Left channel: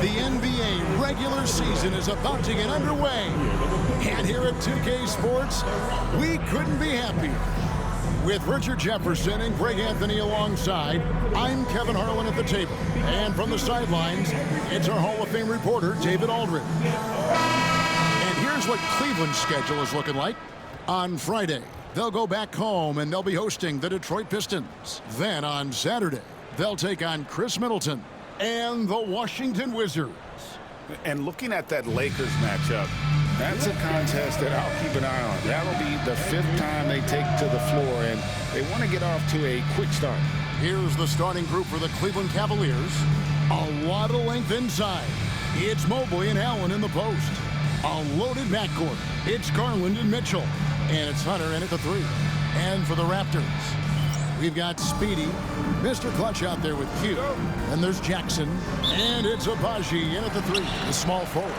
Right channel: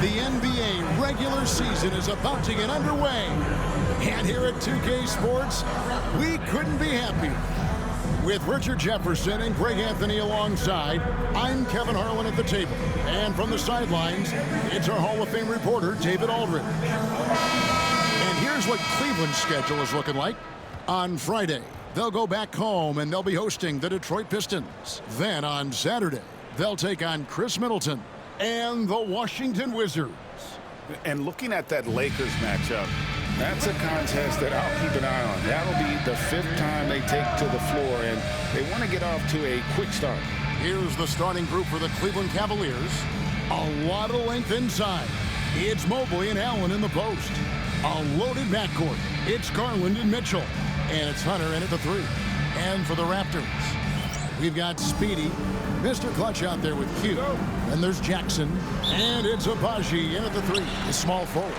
The NBA regular season is about to get underway. And here at 2K Sports, we couldn't be happier. With Richard Jefferson and Greg Anthony alongside, I'm Kevin Harlan at the table. And from the sidelines, it's our Hall of Fame reporter, David Aldridge. And here's what Cleveland's schedule is looking like. On Friday, they'll go back home and they'll be hosting the Detroit Pistons. Then on Saturday, they'll take on Chris Middleton and the Washington Wizards. And looking at that Lakers matchup, that's a contest that I'll keep an eye on. That'll be the 5th time they take to the floor, and they want to get off to a quick start. Here's the starting group for the Cleveland Cavaliers. A lot of length inside. It's Mobley and Allen in the post. A loaded backcourt. It's Garland and Mitchell. And it's Hunter in at the 3. And for the Raptors, we've got Speedy, Mr. Clutch out there with Q. And there's Jackson. And it's Abaji in at the 3, the small forward.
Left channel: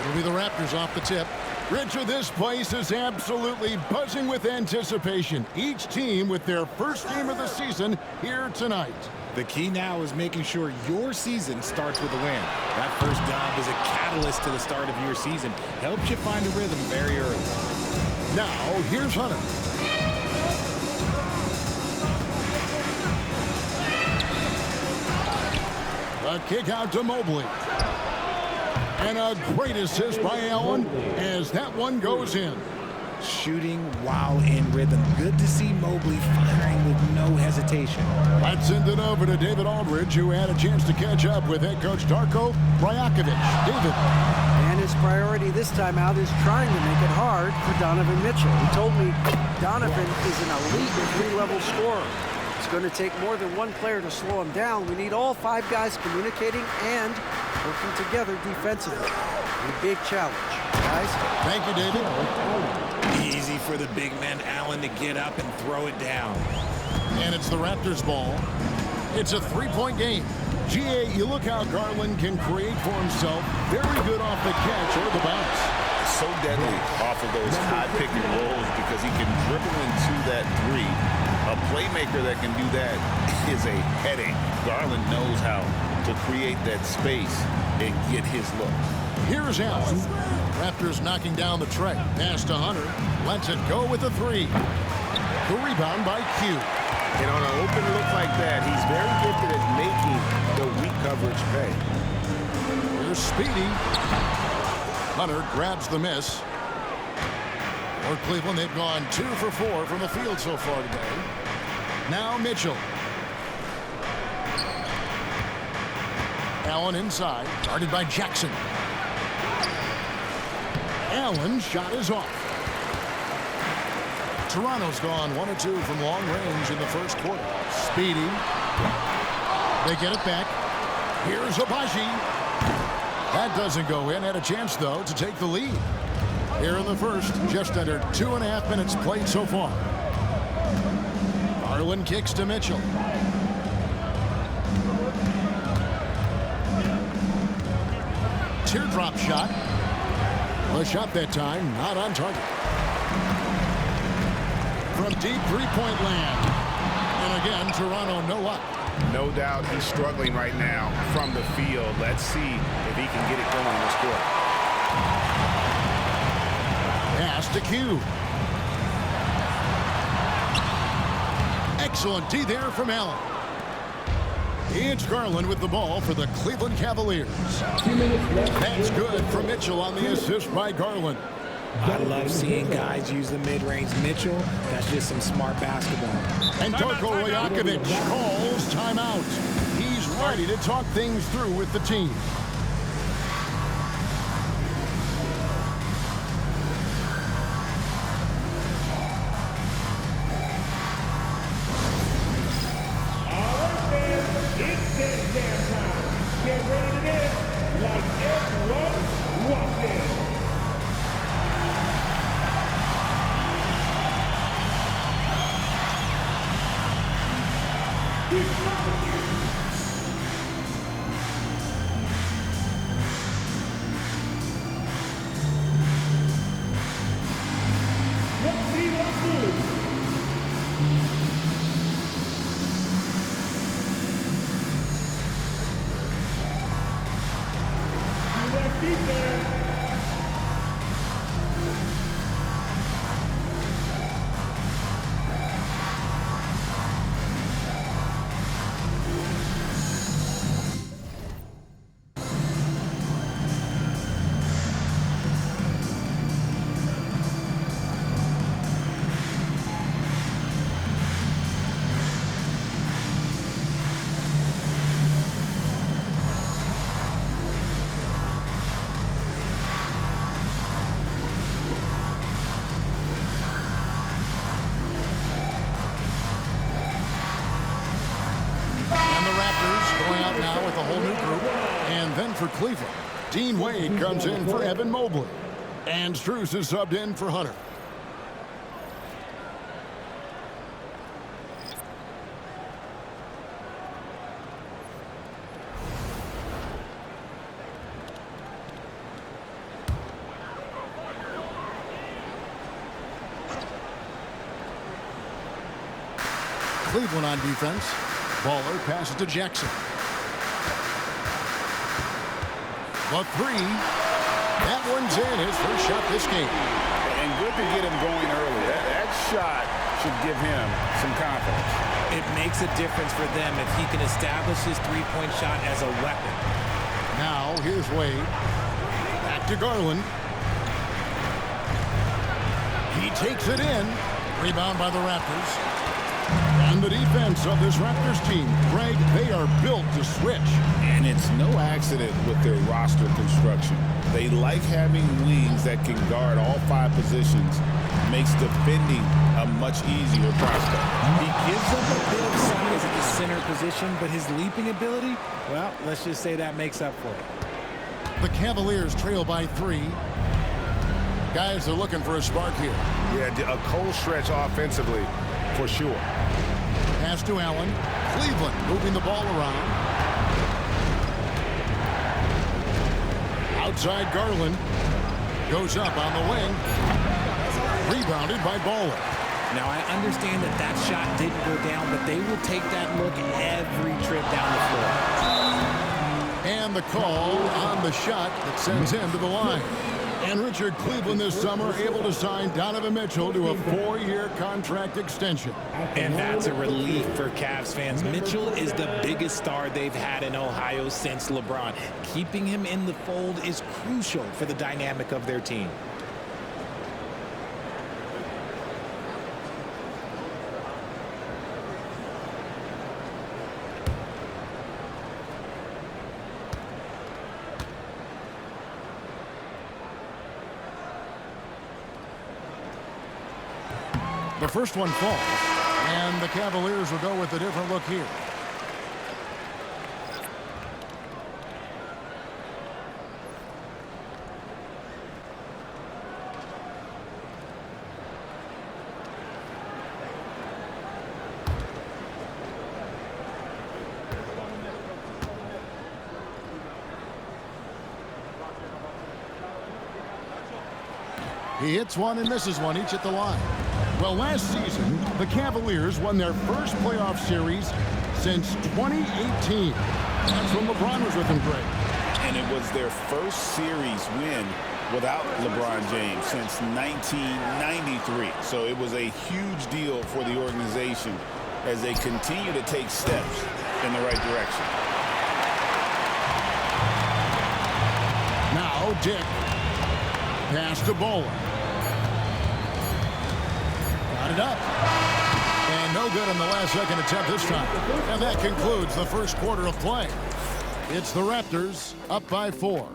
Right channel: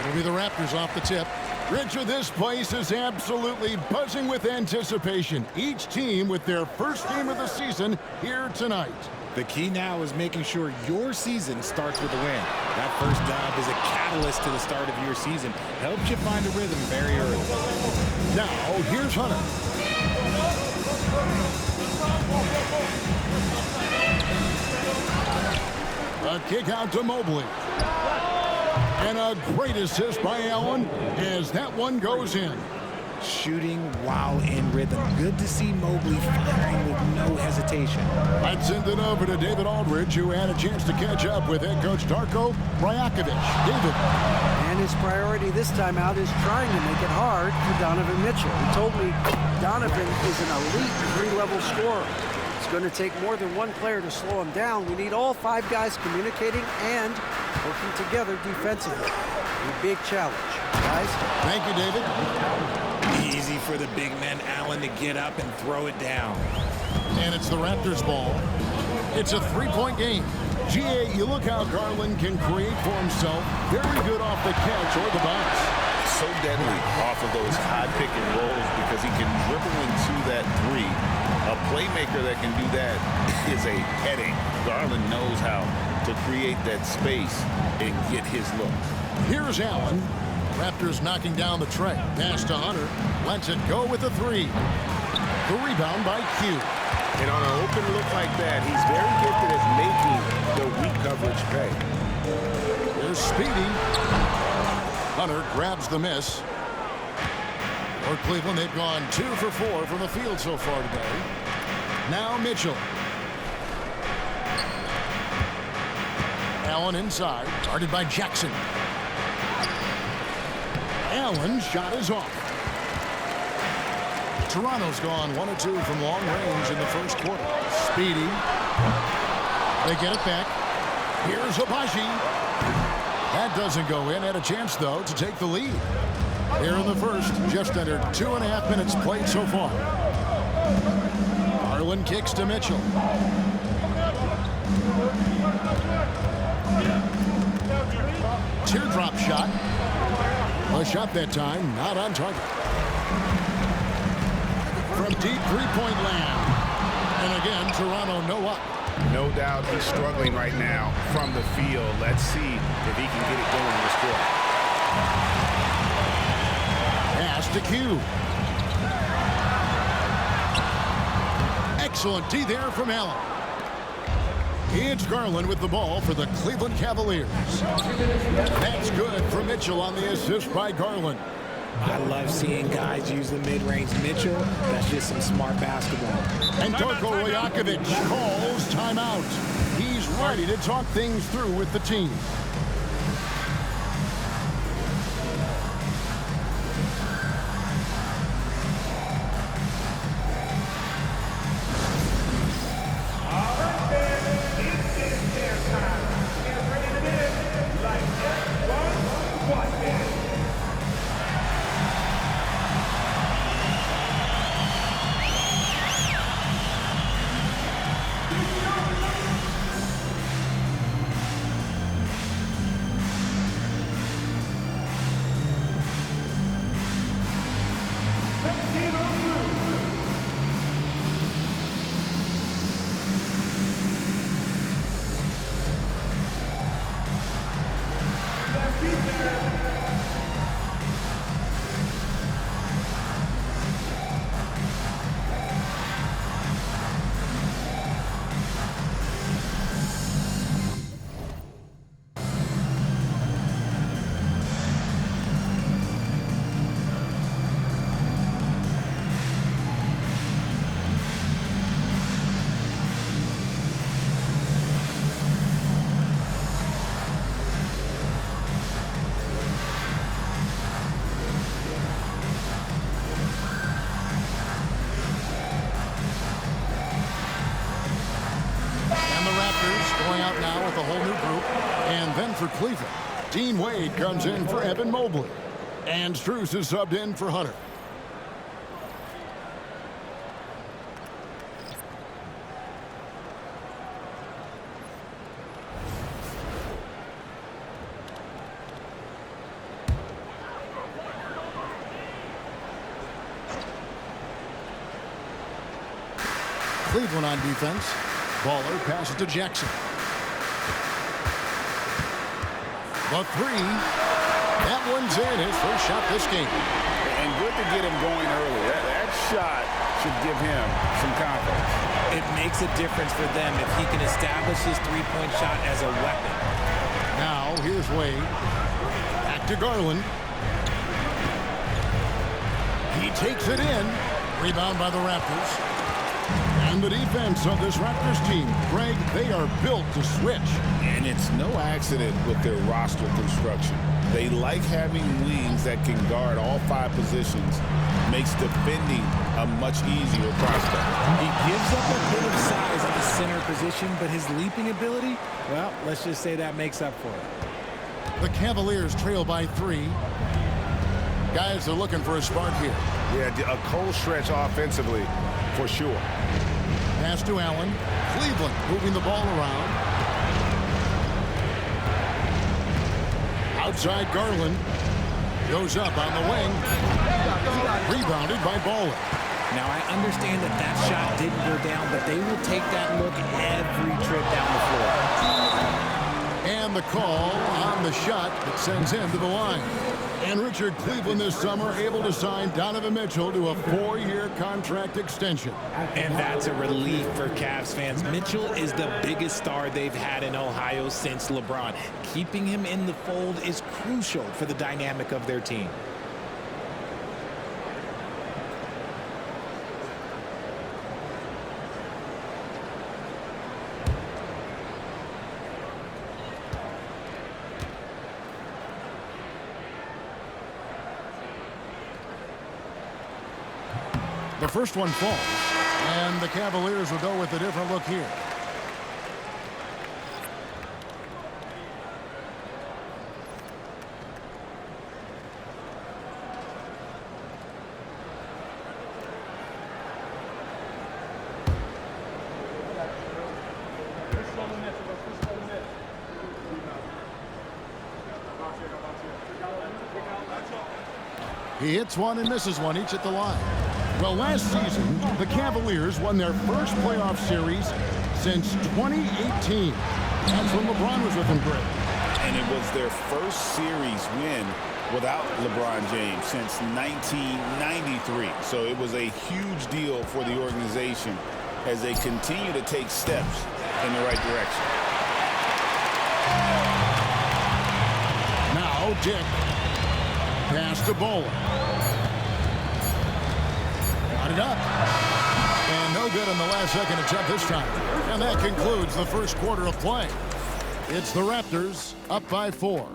It'll be the Raptors off the tip. Richard, this place is absolutely buzzing with anticipation. Each team with their first game of the season here tonight. The key now is making sure your season starts with a win. That first dub is a catalyst to the start of your season. Helps you find a rhythm very early. Now, here's Hunter. A kick out to Mobley. And a great assist by Allen as that one goes in. Shooting while in rhythm. Good to see Mobley firing with no hesitation. Let's send it over to David Aldridge, who had a chance to catch up with head coach Darko Rajakovic. David. And his priority this time out is trying to make it hard for Donovan Mitchell. He told me Donovan is an elite 3-level scorer. It's going to take more than one player to slow him down. We need all 5 guys communicating and working together defensively. A big challenge, guys. Thank you, David. Easy for the big man Allen to get up and throw it down. And it's the Raptors ball. It's a 3-point game. GA, you look how Garland can create for himself. Very good off the catch or the bounce. So deadly off of those high pick and rolls because he can dribble into that 3. A playmaker that can do that is a headache. Garland knows how to create that space and get his look. Here's Allen. Raptors knocking down the tray. Pass to Hunter. Lets it go with the 3. The rebound by Q. And on an open look like that, he's very gifted at making the weak coverage pay. Here's Speedy. Hunter grabs the miss. For Cleveland, they've gone 2 for 4 from the field so far today. Now Mitchell. Allen inside, guarded by Jackson. Allen's shot is off. Toronto's gone 1 of 2 from long range in the first quarter. Speedy. They get it back. Here's Abaji. That doesn't go in. Had a chance, though, to take the lead. Here in the first, just under 2.5 minutes played so far. Garland kicks to Mitchell. Teardrop shot. A shot that time, not on target. From deep 3-point land. And again, Toronto no luck. No doubt he's struggling right now from the field. Let's see if he can get it going in this quarter. Pass to Q. Excellent D there from Allen. It's Garland with the ball for the Cleveland Cavaliers. That's good for Mitchell on the assist by Garland. I love seeing guys use the mid-range. Mitchell, that's just some smart basketball. And Darko Rajakovic calls timeout. He's ready to talk things through with the team. Going out now with a whole new group. And then for Cleveland, Dean Wade comes in for Evan Mobley. And Strus is subbed in for Hunter. Cleveland on defense. Baller passes to Jackson. The three. That one's in. His first shot this game. And good to get him going early. That shot should give him some confidence. It makes a difference for them if he can establish his three-point shot as a weapon. Now, here's Wade. Back to Garland. He takes it in. Rebound by the Raptors. And the defense of this Raptors team, Greg, they are built to switch. And it's no accident with their roster construction. They like having wings that can guard all 5 positions. Makes defending a much easier prospect. He gives up a bit of size at the center position, but his leaping ability, well, let's just say that makes up for it. The Cavaliers trail by 3. Guys are looking for a spark here. Yeah, a cold stretch offensively, for sure. Pass to Allen. Cleveland moving the ball around. Outside Garland. Goes up on the wing. Rebounded by Baller. Now, I understand that that shot didn't go down, but they will take that look every trip down the floor. And the call on the shot that sends him to the line. And Richard, Cleveland this summer able to sign Donovan Mitchell to a 4-year contract extension. And that's a relief for Cavs fans. Mitchell is the biggest star they've had in Ohio since LeBron. Keeping him in the fold is crucial for the dynamic of their team. The first one falls, and the Cavaliers will go with a different look here. He hits one and misses one, each at the line. Well, last season, the Cavaliers won their first playoff series since 2018. That's when LeBron was with them, Greg. And it was their first series win without LeBron James since 1993. So it was a huge deal for the organization as they continue to take steps in the right direction. Now, Dick. Pass to Bowler. Got it up. And no good on the last second attempt this time. And that concludes the first quarter of play. It's the Raptors up by 4.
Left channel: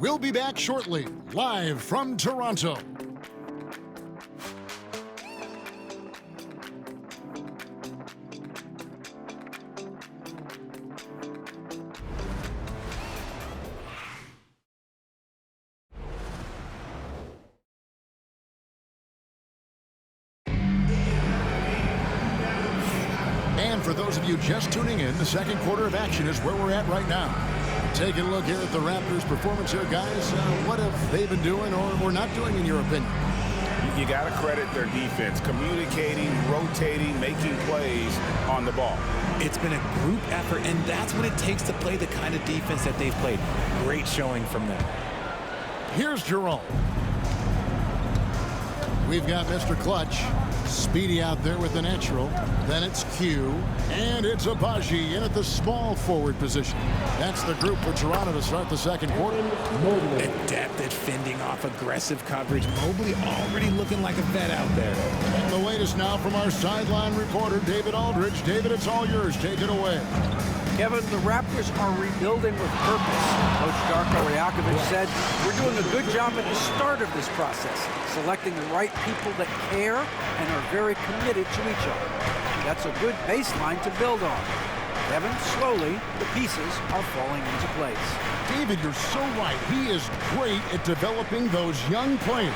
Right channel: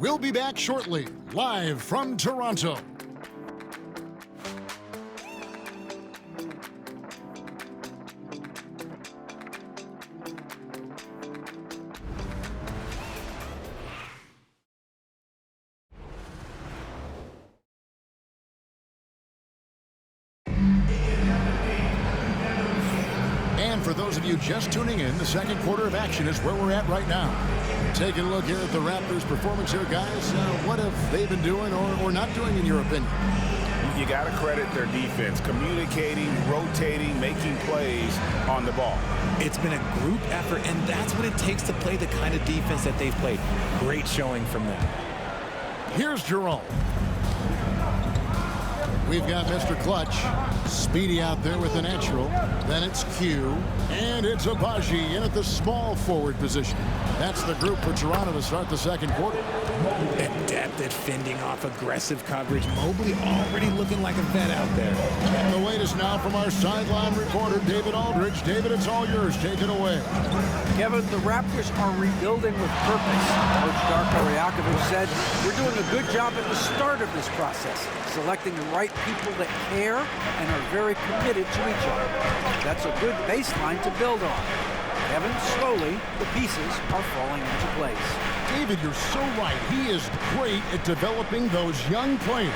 We'll be back shortly, live from Toronto. And for those of you just tuning in, the second quarter of action is where we're at right now. Taking a look here at the Raptors' performance here, guys. What have they been doing or not doing, in your opinion? You got to credit their defense, communicating, rotating, making plays on the ball. It's been a group effort, and that's what it takes to play the kind of defense that they've played. Great showing from them. Here's Jerome. We've got Mr. Clutch. Speedy out there with the natural. Then it's Q. And it's Abaji in at the small forward position. That's the group for Toronto to start the second quarter. Adept at fending off aggressive coverage. Mobley already looking like a vet out there. And the latest now from our sideline reporter, David Aldridge. David, it's all yours. Take it away. Kevin, the Raptors are rebuilding with purpose. Coach Darko Rajakovic said, we're doing a good job at the start of this process, selecting the right people that care and are very committed to each other. That's a good baseline to build on. Kevin, slowly, the pieces are falling into place. David, you're so right. He is great at developing those young players.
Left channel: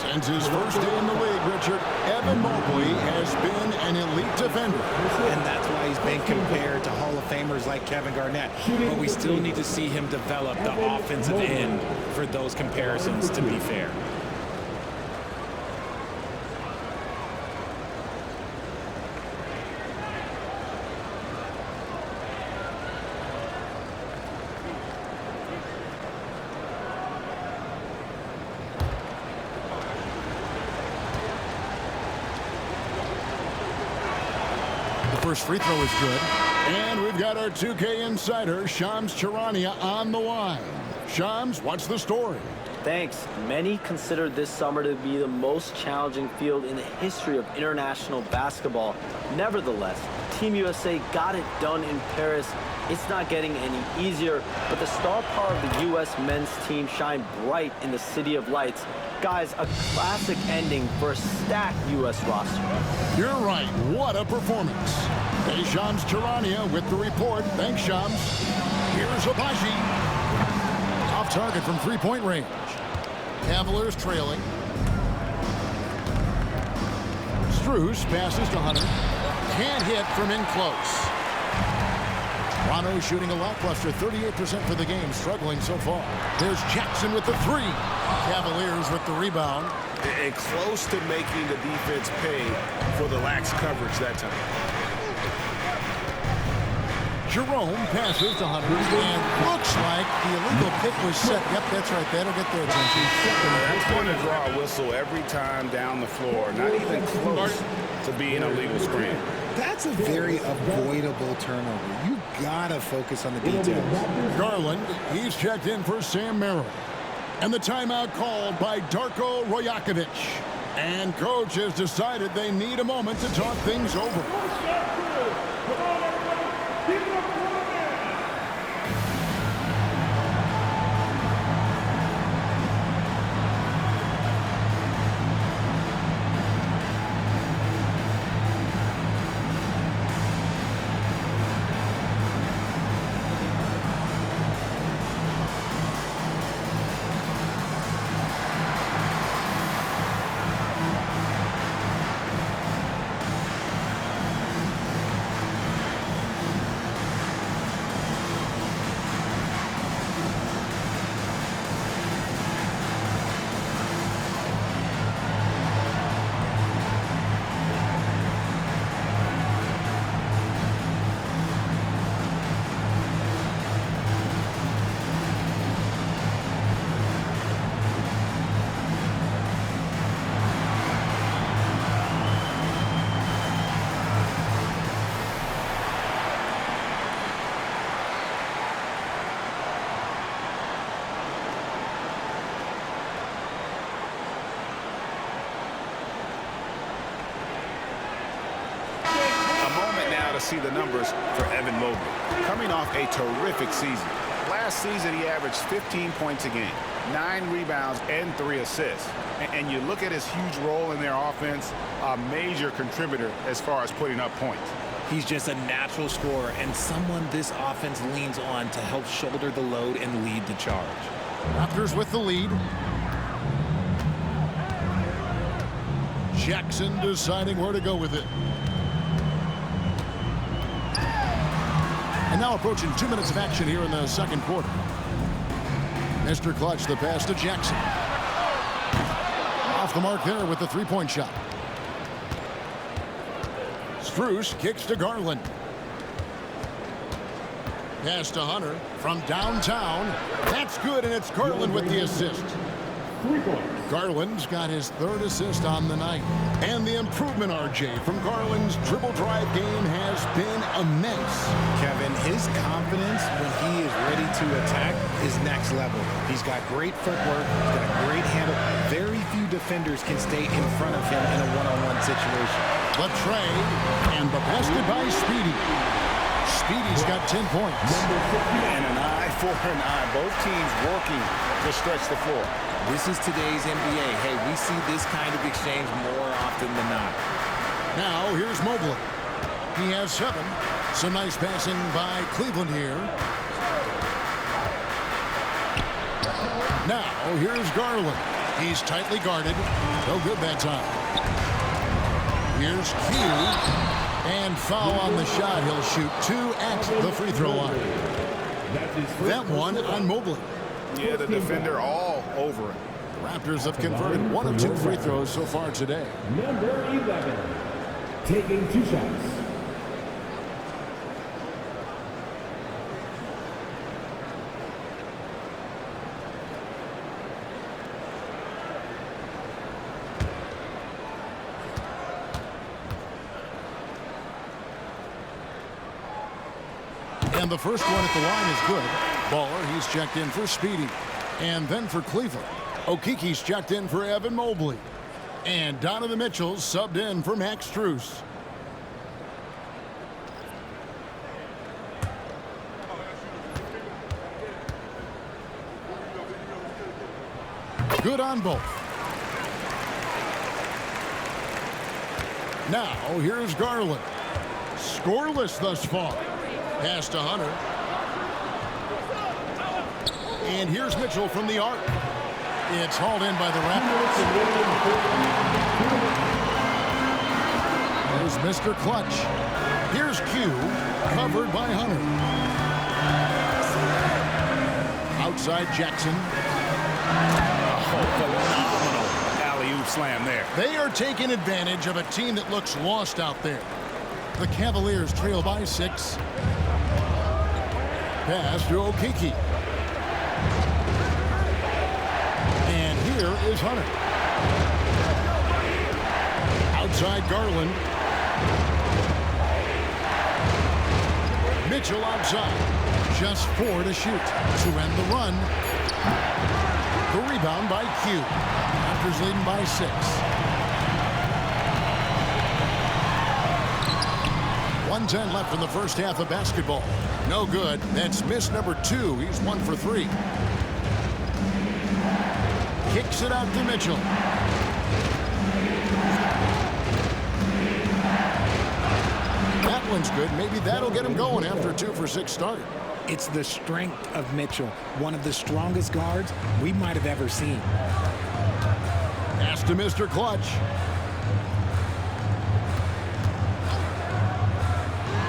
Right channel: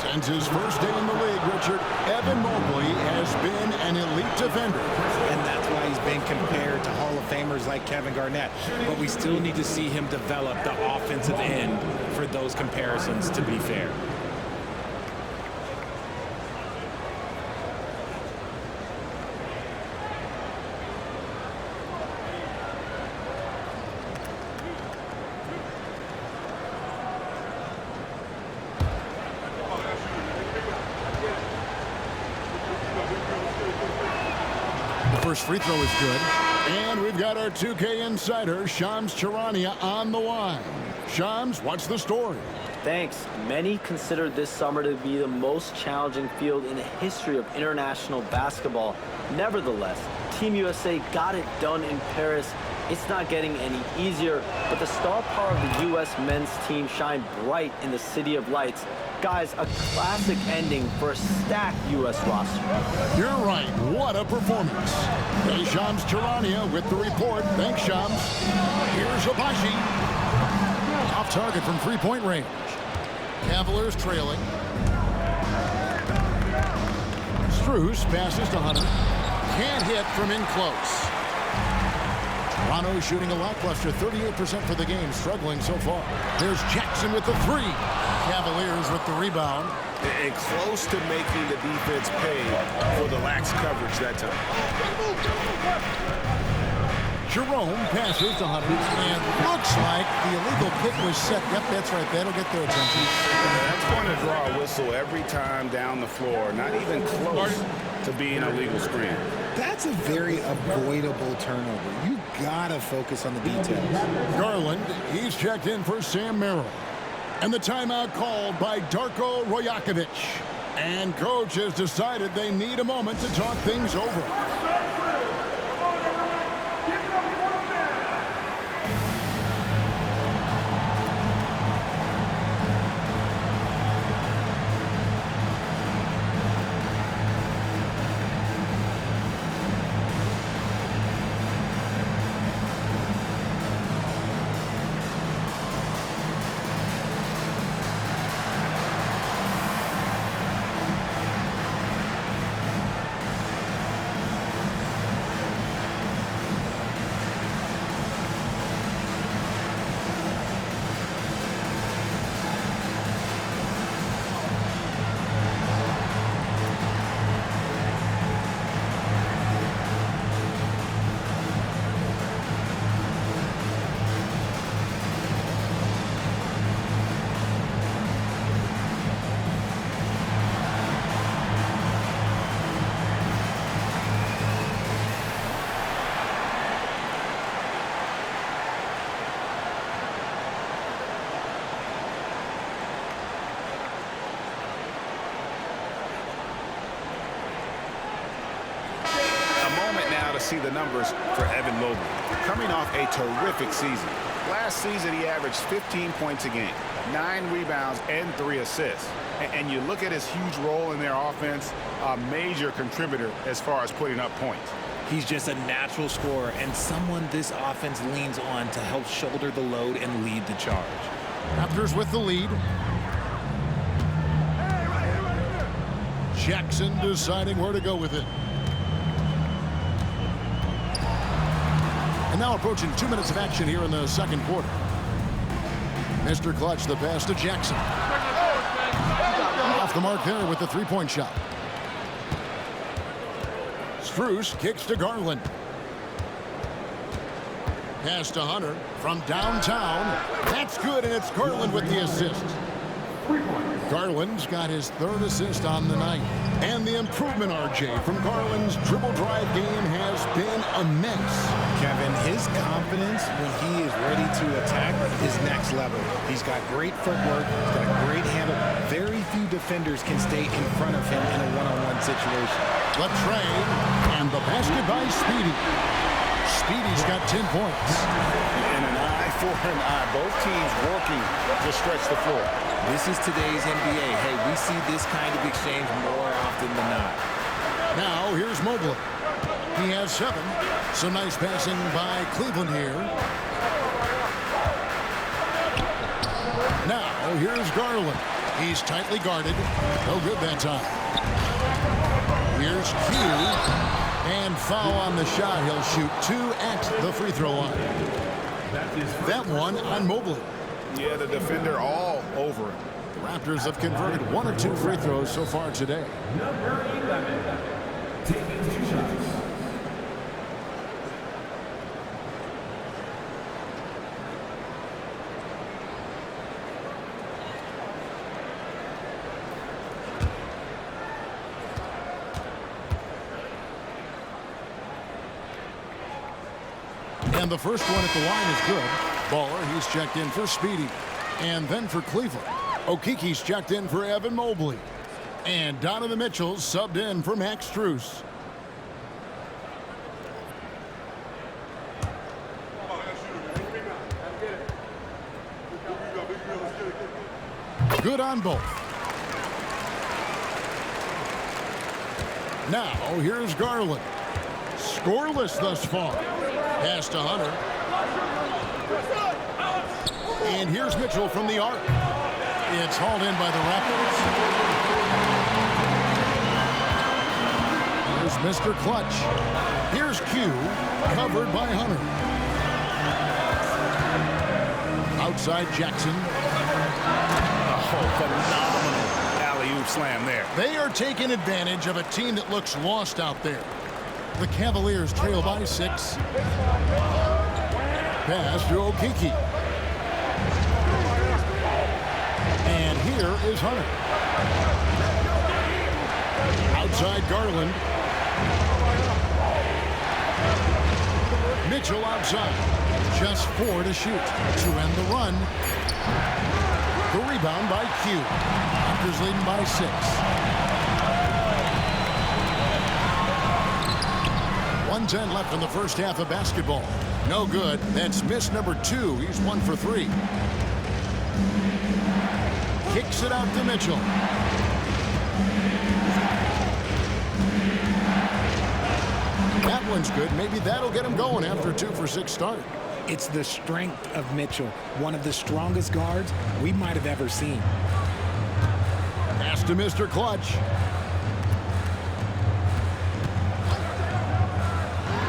Since his first day in the league, Richard, Evan Mobley has been an elite defender. And that's why he's been compared to Hall of Famers like Kevin Garnett. But we still need to see him develop the offensive end for those comparisons to be fair. First free throw is good. And we've got our 2K insider, Shams Charania, on the line. Shams, what's the story? Thanks. Many consider this summer to be the most challenging field in the history of international basketball. Nevertheless, Team USA got it done in Paris. It's not getting any easier, but the star power of the U.S. men's team shined bright in the City of Lights. Guys, a classic ending for a stacked U.S. roster. You're right. What a performance. Hey, Shams Charania with the report. Thanks, Shams. Here's Abaji. Off target from three-point range. Cavaliers trailing. Strus passes to Hunter. Can't hit from in close. Toronto shooting a lackluster 38% for the game, struggling so far. There's Jackson with the three. Cavaliers with the rebound. And close to making the defense pay for the lax coverage that time. Jerome passes to Hunter, and looks like the illegal pick was set. Yep, that's right. That'll get their attention. That's going to draw a whistle every time down the floor. Not even close to being a legal screen. That's a very avoidable turnover. You gotta focus on the details. Garland, he's checked in for Sam Merrill. And the timeout called by Darko Rajakovic. And coach has decided they need a moment to talk things over. Now to see the numbers for Evan Mobley. Coming off a terrific season. Last season, he averaged 15 points a game, 9 rebounds, and 3 assists. And you look at his huge role in their offense, a major contributor as far as putting up points. He's just a natural scorer and someone this offense leans on to help shoulder the load and lead the charge. Raptors with the lead. Jackson deciding where to go with it. And now approaching 2 minutes of action here in the second quarter. Mr. Clutch, the pass to Jackson. Off the mark there with the three-point shot. Strus kicks to Garland. Pass to Hunter from downtown. That's good, and it's Garland with the assist. Garland's got his third assist on the night. And the improvement, RJ, from Garland's dribble drive game has been immense. Kevin, his confidence when he is ready to attack is next level. He's got great footwork. He's got a great handle. Very few defenders can stay in front of him in a one-on-one situation. The tray, and the basket by Speedy. Speedy's got 10 points. And an eye for an eye. Both teams working to stretch the floor. This is today's NBA. Hey, we see this kind of exchange more often than not. Now, here's Mobley. He has 7. Some nice passing by Cleveland here. Now, here's Garland. He's tightly guarded. No good that time. Here's Q. And foul on the shot. He'll shoot 2 at the free throw line. That one on Mobley. Yeah, the defender all over him. The Raptors have converted 1 of 2 free throws so far today. Number 11, taking 2 shots. And the first one at the line is good. Baller, he's checked in for Speedy. And then for Cleveland, Okiki's checked in for Evan Mobley. And Donovan Mitchell's subbed in for Max Strus. Good on both. Now, here's Garland. Scoreless thus far. Pass to Hunter. And here's Mitchell from the arc. It's hauled in by the Raptors. There's Mr. Clutch. Here's Q, covered by Hunter. Outside Jackson. Oh, phenomenal alley-oop slam there. They are taking advantage of a team that looks lost out there. The Cavaliers trail by 6. Pass to Okiki. And here is Hunter. Outside Garland. Mitchell outside. Just 4 to shoot to end the run. The rebound by Q. Raptors leading by 6. 1:10 left in the first half of basketball. No good. That's miss number 2. He's 1 for 3. Kicks it out to Mitchell. That one's good. Maybe that'll get him going after a 2 for 6 start. It's the strength of Mitchell, one of the strongest guards we might have ever seen. Pass to Mr. Clutch.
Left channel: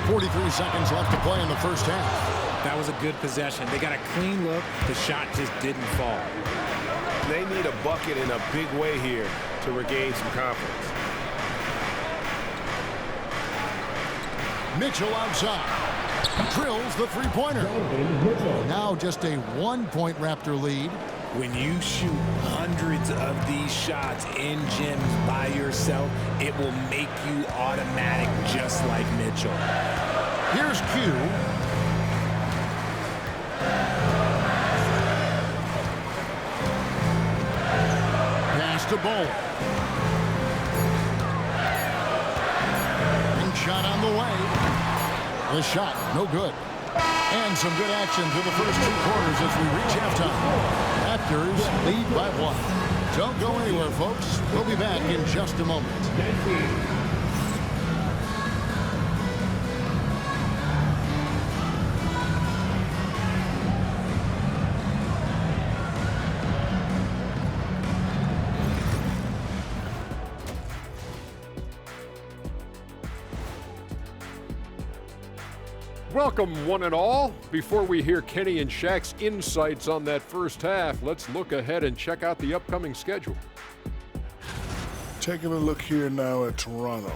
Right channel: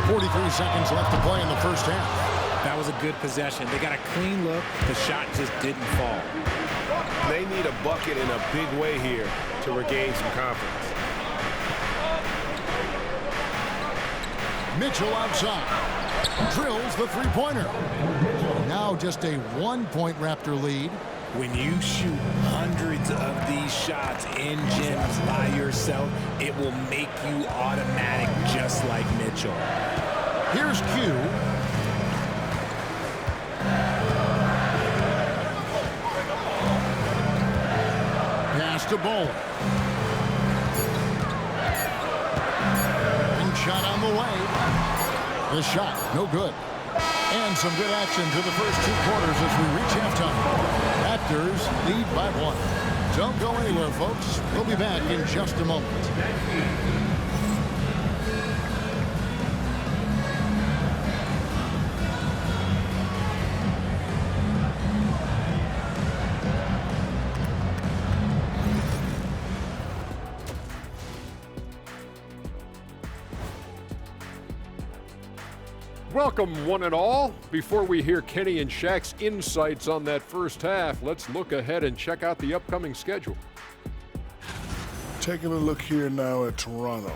43 seconds left to play in the first half. That was a good possession. They got a clean look. The shot just didn't fall. They need a bucket in a big way here to regain some confidence. Mitchell outside. Drills the three-pointer. Now just a 1-point Raptor lead. When you shoot hundreds of these shots in gyms by yourself, it will make you automatic just like Mitchell. Here's Q. Pass to Bowler. Ring shot on the way. The shot, no good. And some good action through the first 2 quarters as we reach halftime. Raptors lead by 1. Don't go anywhere, folks. We'll be back in just a moment. Welcome, one and all. Before we hear Kenny and Shaq's insights on that first half, let's look ahead and check out the upcoming schedule. Taking a look here now at Toronto,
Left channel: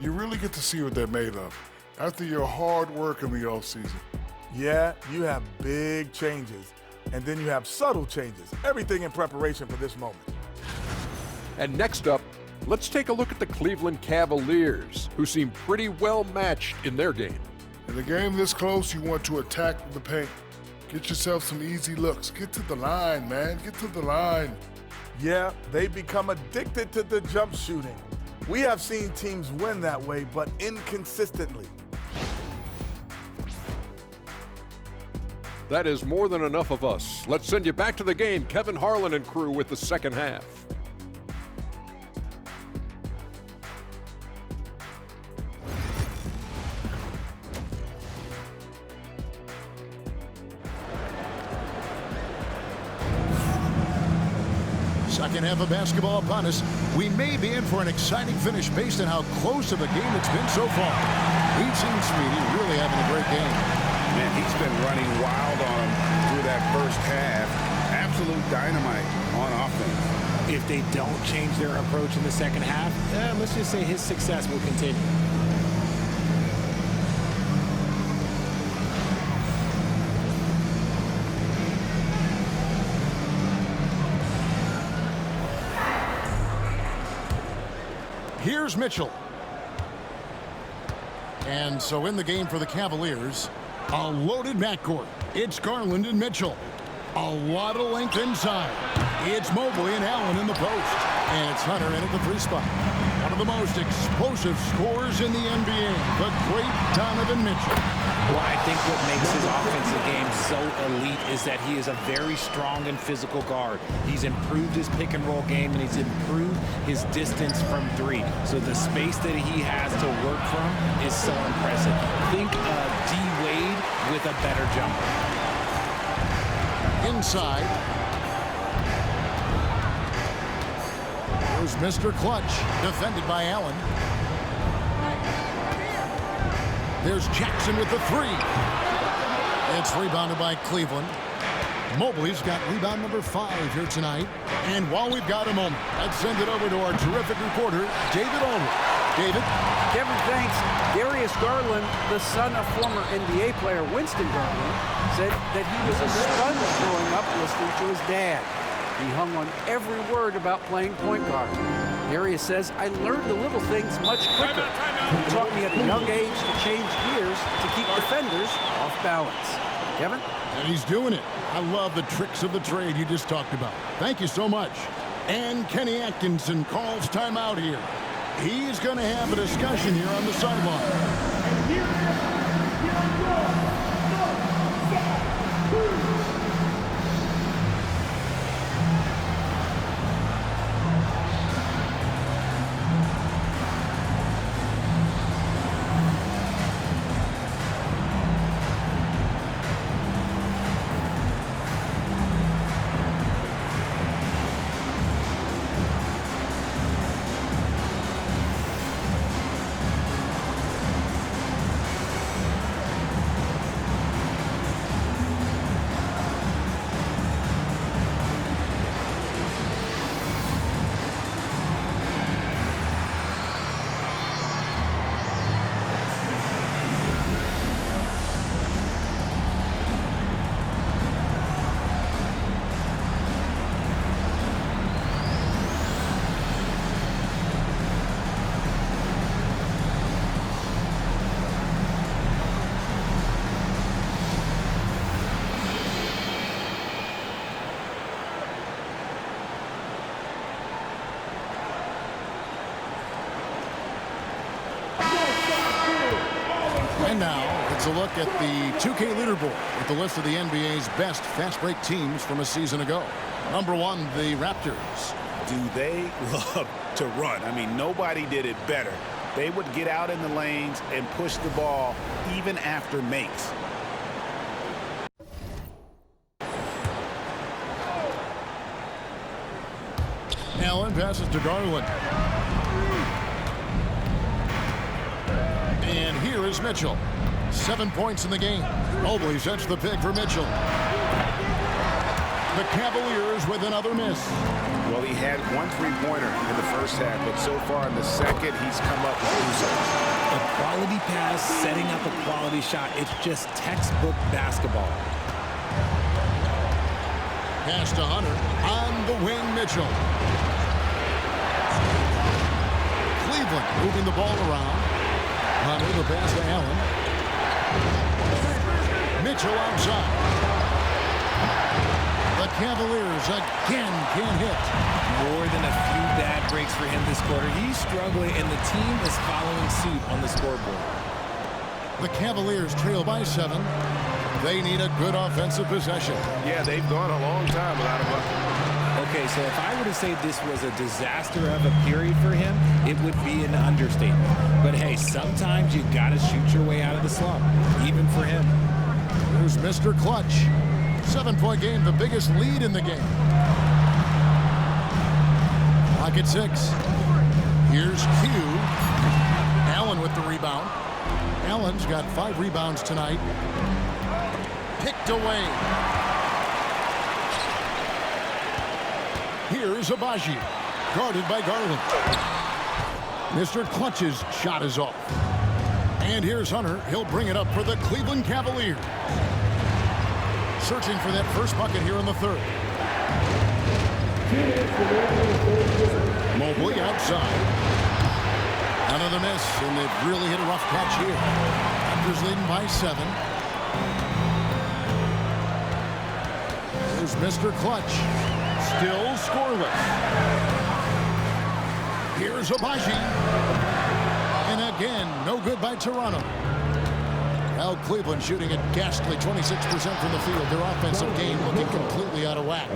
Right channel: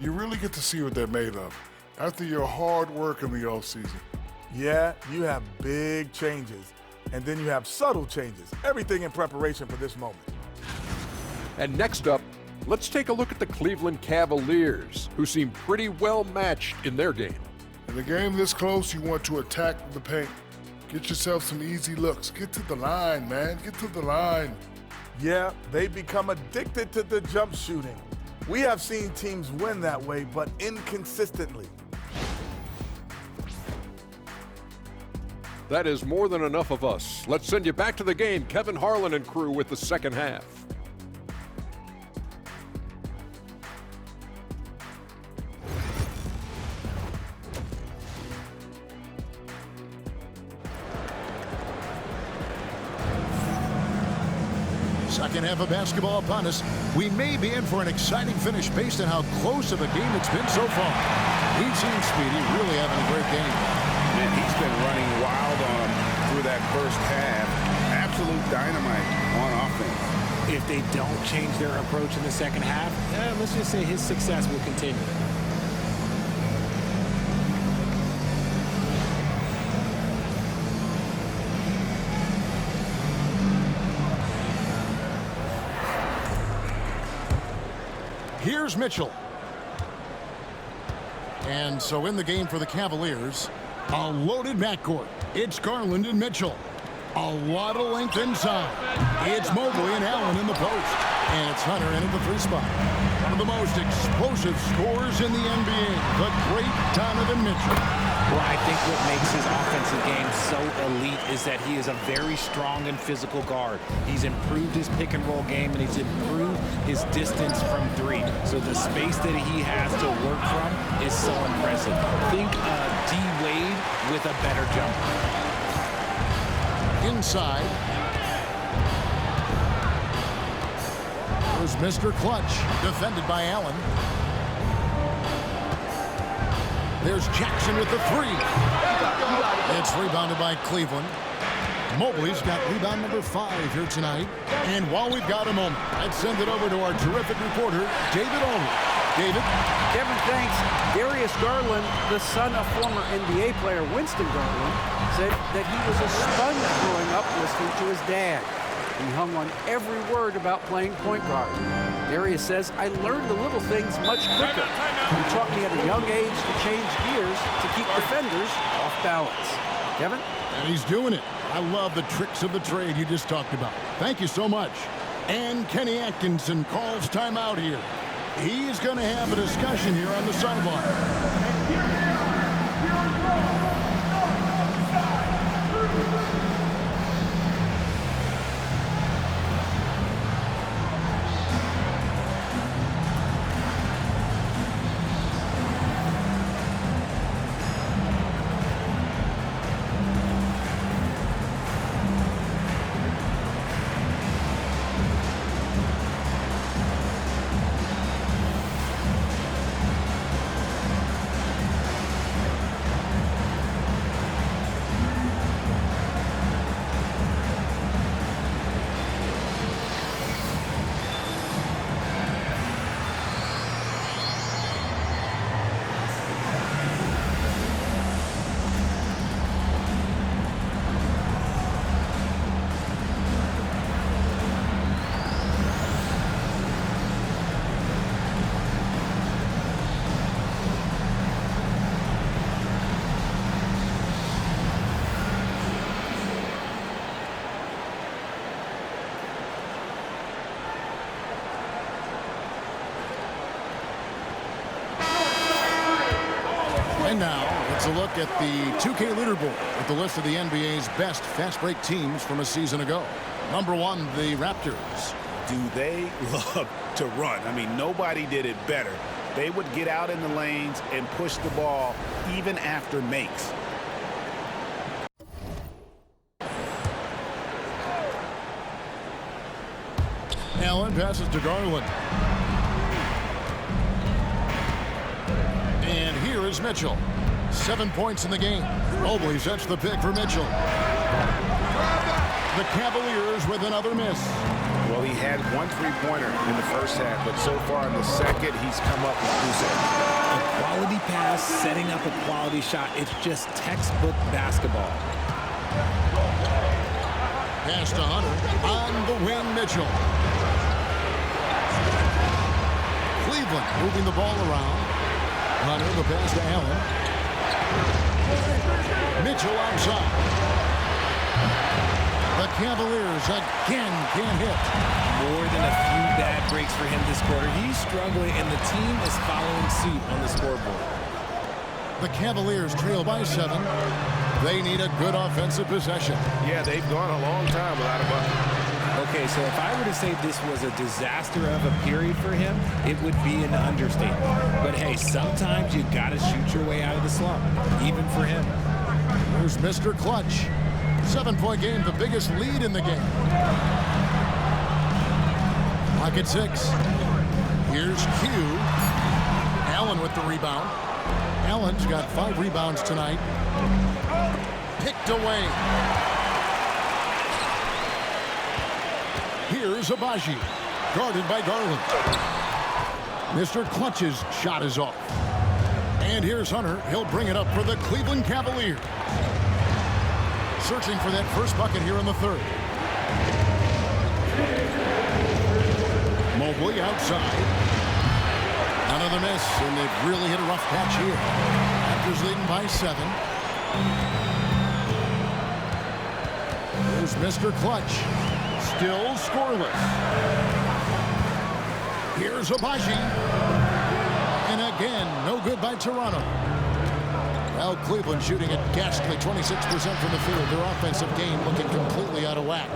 you really get to see what they're made of after your hard work in the offseason. Yeah, you have big changes, and then you have subtle changes. Everything in preparation for this moment. And next up, let's take a look at the Cleveland Cavaliers, who seem pretty well matched in their game. In a game this close, you want to attack the paint. Get yourself some easy looks. Get to the line, man. Get to the line. Yeah, they become addicted to the jump shooting. We have seen teams win that way, but inconsistently. That is more than enough of us. Let's send you back to the game, Kevin Harlan and crew with the second half. Second half of basketball upon us. We may be in for an exciting finish based on how close of a game it's been so far. We've seen Speedy really having a great game. Man, he's been running wild on him through that first half. Absolute dynamite on offense. If they don't change their approach in the second half, let's just say his success will continue. Here's Mitchell. And so in the game for the Cavaliers, a loaded backcourt. It's Garland and Mitchell. A lot of length inside. It's Mobley and Allen in the post. And it's Hunter in at the three spot. One of the most explosive scorers in the NBA, the great Donovan Mitchell. Well, I think what makes his offensive game so elite is that he is a very strong and physical guard. He's improved his pick and roll game, and he's improved his distance from three. So the space that he has to work from is so impressive. Think D. Wade with a better jumper. Inside. There's Mr. Clutch, defended by Allen. There's Jackson with the three. It's rebounded by Cleveland. Mobley's got rebound number 5 here tonight. And while we've got a moment, let's send it over to our terrific reporter, David Aldridge. David? Kevin, thanks. Darius Garland, the son of former NBA player Winston Garland, said that he was a sponge growing up listening to his dad. He hung on every word about playing point guard. Darius says, I learned the little things much quicker. He taught me at a young age to change gears to keep defenders off balance. Kevin? And he's doing it. I love the tricks of the trade you just talked about. Thank you so much. And Kenny Atkinson calls timeout here. He's going to have a discussion here on the sideline. And now, it's a look at the 2K leaderboard with the list of the NBA's best fast break teams from a season ago. Number 1, the Raptors. Do they love to run? I mean, nobody did it better. They would get out in the lanes and push the ball even after makes. Allen passes to Garland. And here is Mitchell. 7 points in the game. Mobley sets the pick for Mitchell. The Cavaliers with another miss. Well, he had one three-pointer in the first half, but so far in the second, he's come up with 2 sets. A quality pass, setting up a quality shot. It's just textbook basketball. Pass to Hunter. On the wing, Mitchell. Cleveland moving the ball around. Hunter, the pass to Allen. Mitchell outside. The Cavaliers again can't hit. More than a few bad breaks for him this quarter. He's struggling, and the team is following suit on the scoreboard. The Cavaliers trail by 7. They need a good offensive possession. Yeah, they've gone a long time without a bucket. Okay, so if I were to say this was a disaster of a period for him, it would be an understatement. But hey, sometimes you got to shoot your way out of the slump, even for him. Here's Mr. Clutch. 7-point game, the biggest lead in the game. Lock at 6. Here's Q. Allen with the rebound. Allen's got 5 rebounds tonight. Picked away. Here's Abaji, guarded by Garland. Mr. Clutch's shot is off. And here's Hunter. He'll bring it up for the Cleveland Cavaliers. Searching for that first bucket here in the third. Mobley outside. Another miss, and they've really hit a rough patch here. Raptors leading by 7. Here's Mr. Clutch. Still scoreless. Here's Abaji. And again, no good by Toronto. Now Cleveland shooting at ghastly 26% from the field. Their offensive game looking completely out of whack.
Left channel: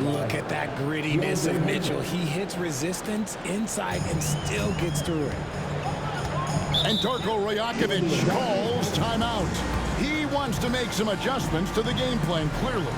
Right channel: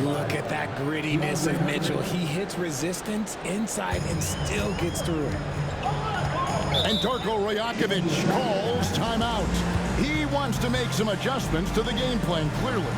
Look at that grittiness of Mitchell. He hits resistance inside and still gets through it. And Darko Rajakovic calls timeout. He wants to make some adjustments to the game plan, clearly.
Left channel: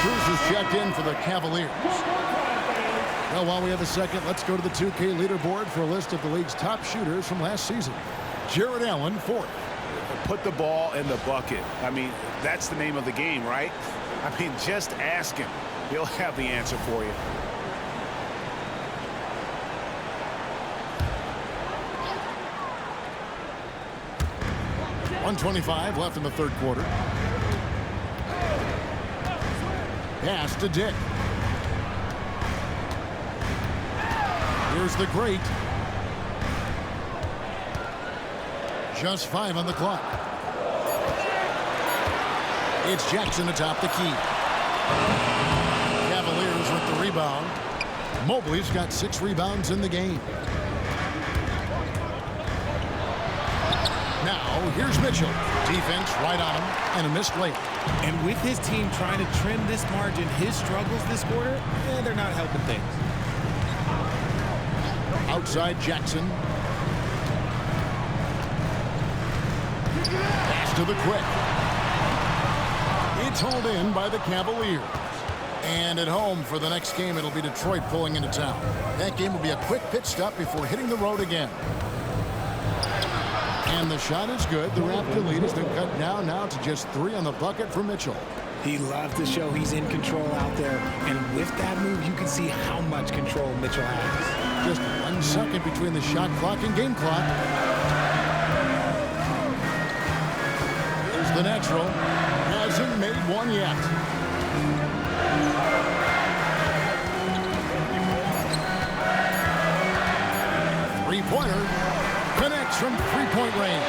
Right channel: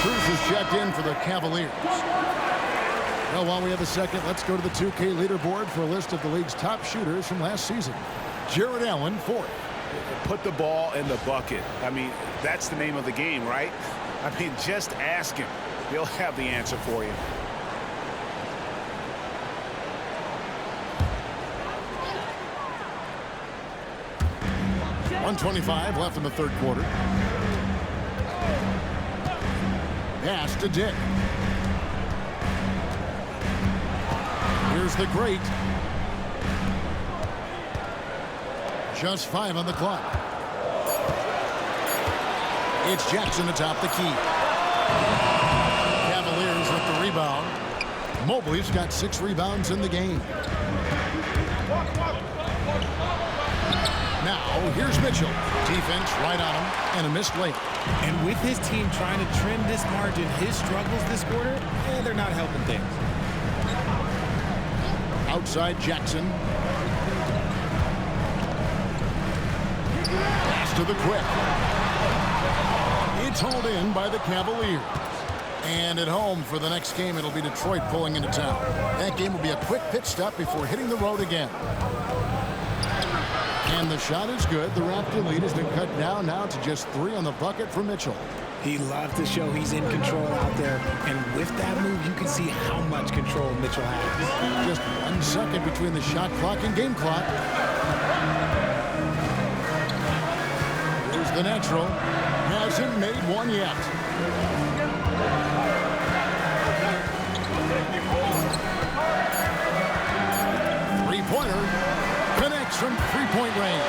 Cruz is checked in for the Cavaliers. Well, while we have a second, let's go to the 2K leaderboard for a list of the league's top shooters from last season. Jared Allen, 4th. Put the ball in the bucket. I mean, that's the name of the game, right? I mean, just ask him. He'll have the answer for you. .125 left in the third quarter. Pass to Dick. Here's the great. Just 5 on the clock. It's Jackson atop the key. Cavaliers with the rebound. Mobley's got 6 rebounds in the game. Now, here's Mitchell. Defense right on him, and a missed layup. And with his team trying to trim this margin, his struggles this quarter, they're not helping things. Outside Jackson. Pass to the quick. It's hauled in by the Cavaliers. And at home for the next game, it'll be Detroit pulling into town. That game will be a quick pit stop before hitting the road again. And the shot is good. The Raptor lead has been cut down now to just 3 on the bucket for Mitchell. He loves to show he's in control out there. And with that move, you can see how much control Mitchell has. Just 1 second between the shot clock and game clock. Here's the natural. Hasn't made one yet. Three-pointer connects from three-point range.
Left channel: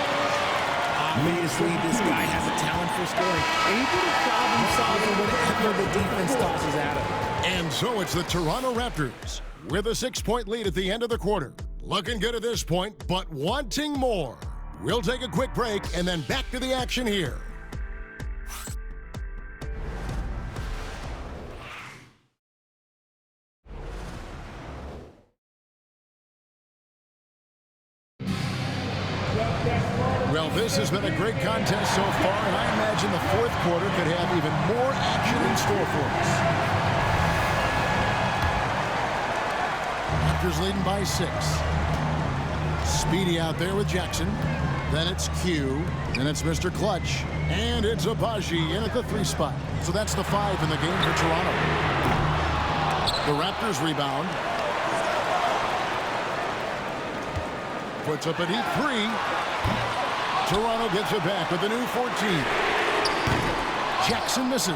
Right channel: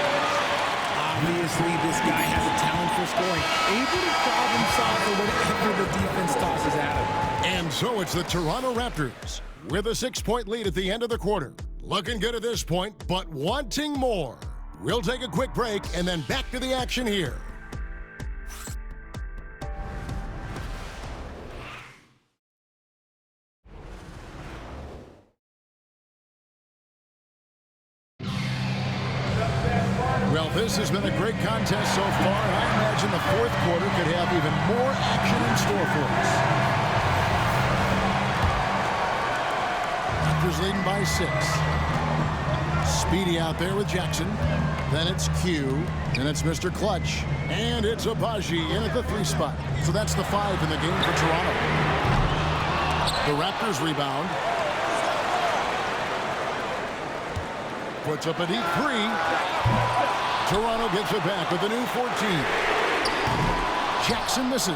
Obviously, this guy has a talent for scoring, able to problem solve for whatever the defense tosses at him. And so it's the Toronto Raptors with a 6-point lead at the end of the quarter. Looking good at this point, but wanting more. We'll take a quick break and then back to the action here. Well, this has been a great contest so far, and I imagine the fourth quarter could have even more action in store for us. Raptors leading by 6. Speedy out there with Jackson. Then it's Q. Then it's Mr. Clutch. And it's Abaji in at the 3 spot. So that's the 5 in the game for Toronto. The Raptors rebound. Puts up a deep 3. Toronto gets it back with a new 14. Jackson misses.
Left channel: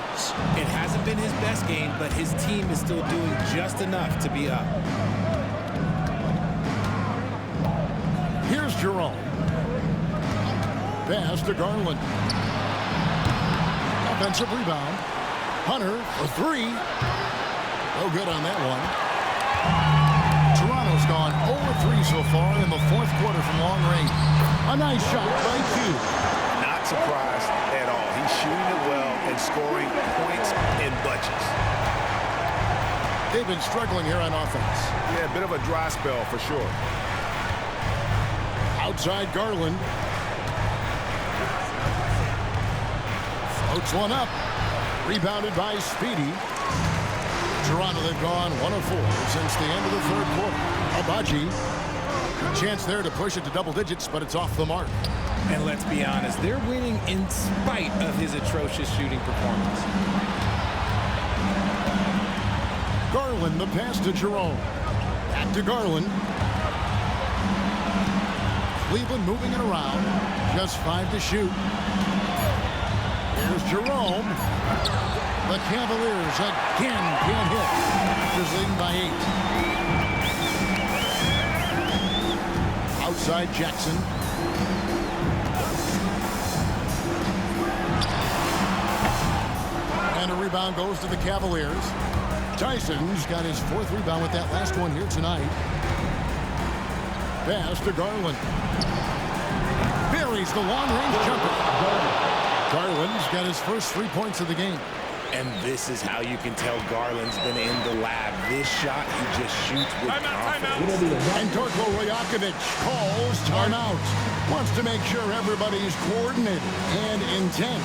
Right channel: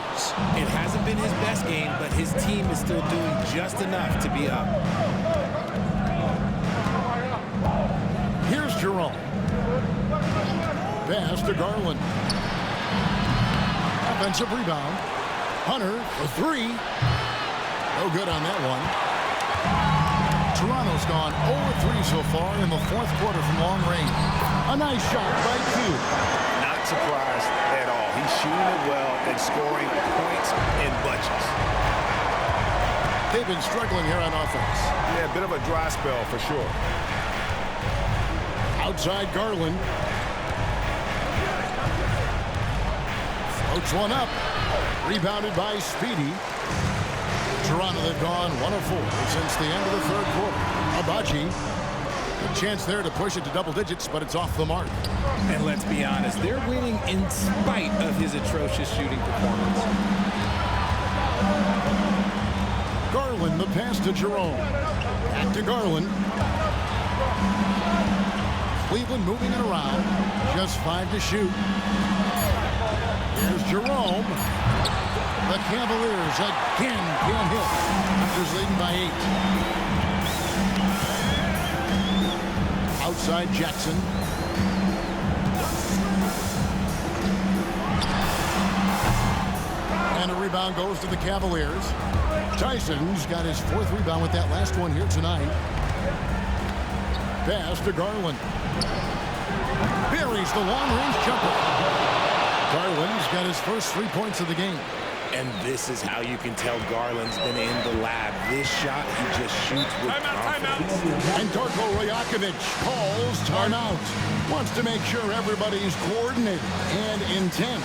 It hasn't been his best game, but his team is still doing just enough to be up. Here's Jerome. Pass to Garland. Offensive rebound. Hunter for 3. No good on that one. Toronto's gone 0-3 so far in the fourth quarter from long range. A nice shot by Q. Not surprised at all. He's shooting it well and scoring points in bunches. They've been struggling here on offense. Yeah, a bit of a dry spell for sure. Outside Garland. Floats one up. Rebounded by Speedy. Toronto, they've gone 1 of 4 since the end of the third quarter. Abaji, a chance there to push it to double digits, but it's off the mark. And let's be honest, they're winning in spite of his atrocious shooting performance. Garland, the pass to Jerome. Back to Garland. Cleveland moving it around. Just 5 to shoot. Here's Jerome. The Cavaliers again can't hit. Raptors leading by 8. Outside Jackson. And a rebound goes to the Cavaliers. Tyson's got his 4th rebound with that last one here tonight. Pass to Garland. Buries the long-range jumper. Garland's got his first 3 points of the game. And this is how you can tell Garland's been in the lab. This shot, he just shoots with confidence. And Darko Rajakovic calls timeout. Wants to make sure everybody's coordinated and intent.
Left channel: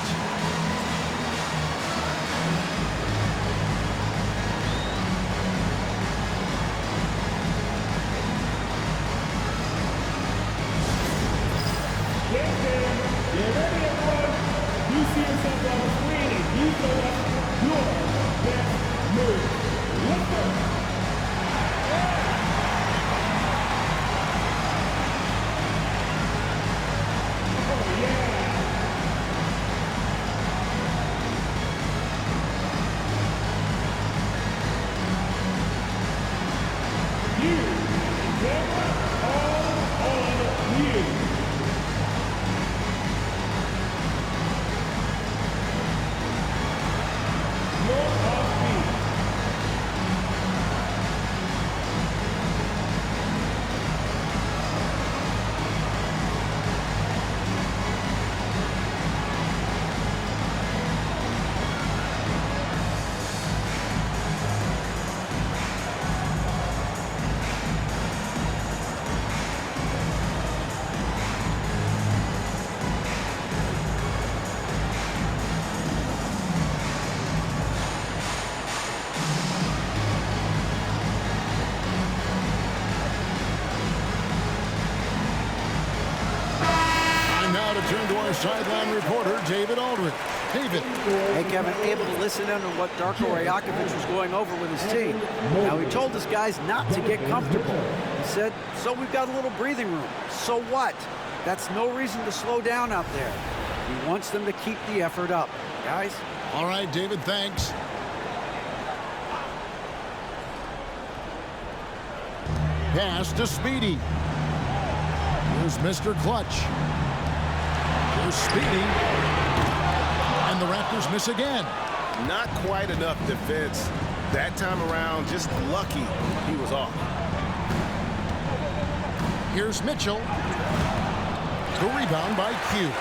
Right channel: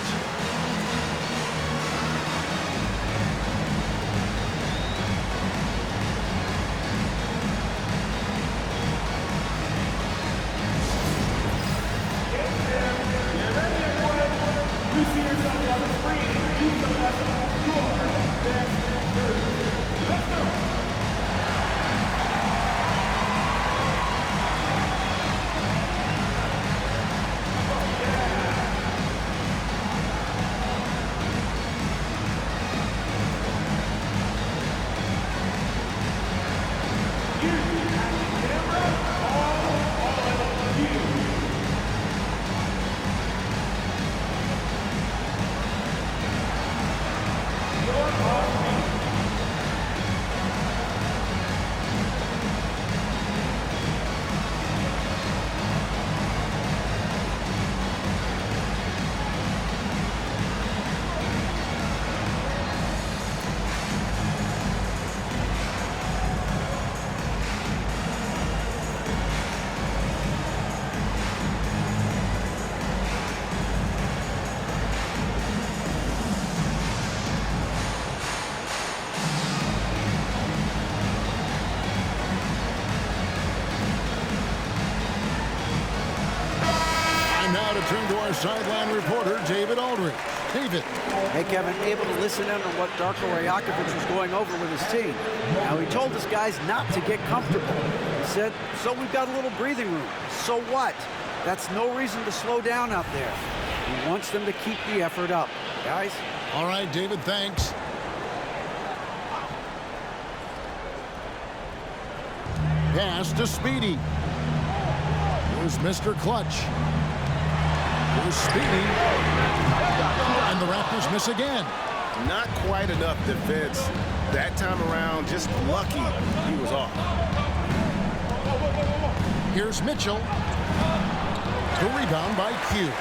Now to turn to our sideline reporter, David Aldridge. David. Hey, Kevin, able to listen in on what Darko Rajakovic was going over with his team. Now, he told his guys not to get comfortable. He said, so we've got a little breathing room. So what? That's no reason to slow down out there. He wants them to keep the effort up. Guys? All right, David, thanks. Pass to Speedy. Here's Mr. Clutch. Here's Speedy. And the Raptors miss again. Not quite enough defense. That time around, just lucky he was off. Here's Mitchell. The rebound by Q.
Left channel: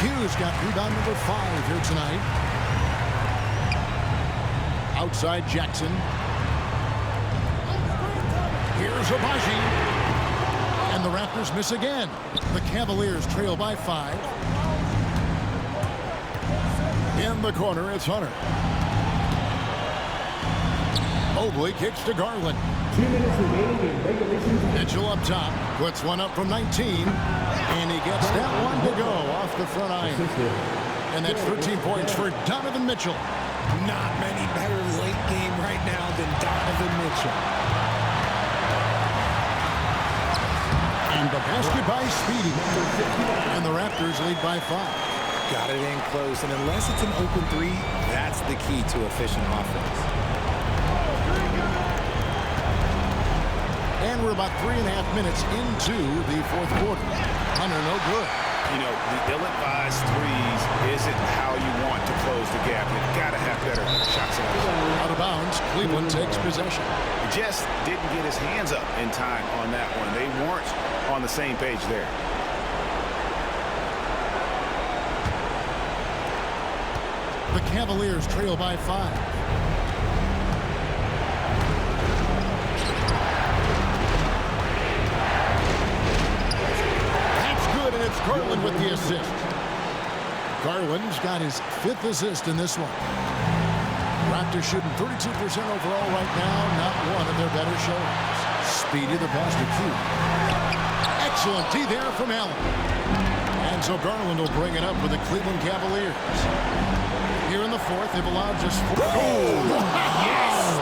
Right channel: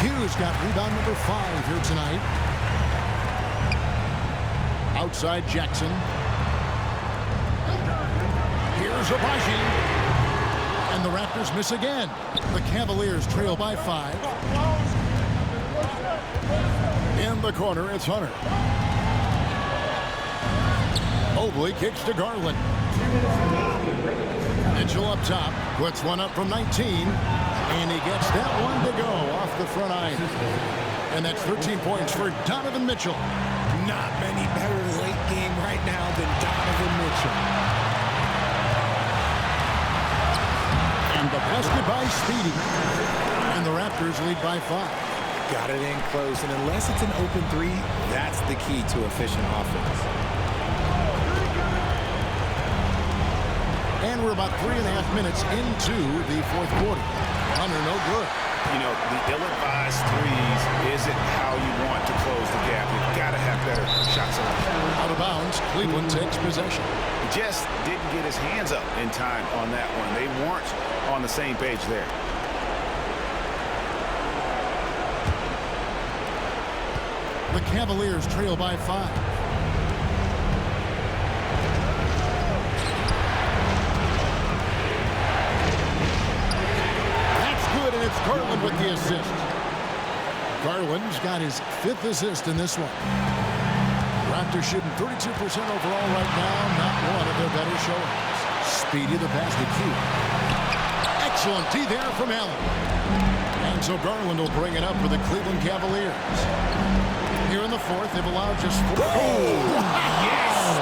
Q's got rebound number 5 here tonight. Outside Jackson. Here's Abaji. And the Raptors miss again. The Cavaliers trail by 5. In the corner, it's Hunter. Mobley kicks to Garland. Mitchell up top, puts one up from 19, and he gets that one to go off the front iron. And that's 13 points for Donovan Mitchell. Not many better late game right now than Donovan Mitchell. And the basket by Speedy. And the Raptors lead by 5. Got it in close, and unless it's an open 3, that's the key to efficient offense. And we're about 3.5 minutes into the fourth quarter. Hunter, no good. You know, the ill-advised threes isn't how you want to close the gap. You've got to have better shot selection. Out of bounds, Cleveland takes possession. Just didn't get his hands up in time on that one. They weren't on the same page there. The Cavaliers trail by 5. And it's Garland with the assist. Garland's got his 5th assist in this one. Raptors shooting 32% overall right now. Not one of their better showings. Speedy the pass to Q. Excellent D there from Allen. And so Garland will bring it up for the Cleveland Cavaliers. Here in the fourth, they've allowed just 4. Oh, yes!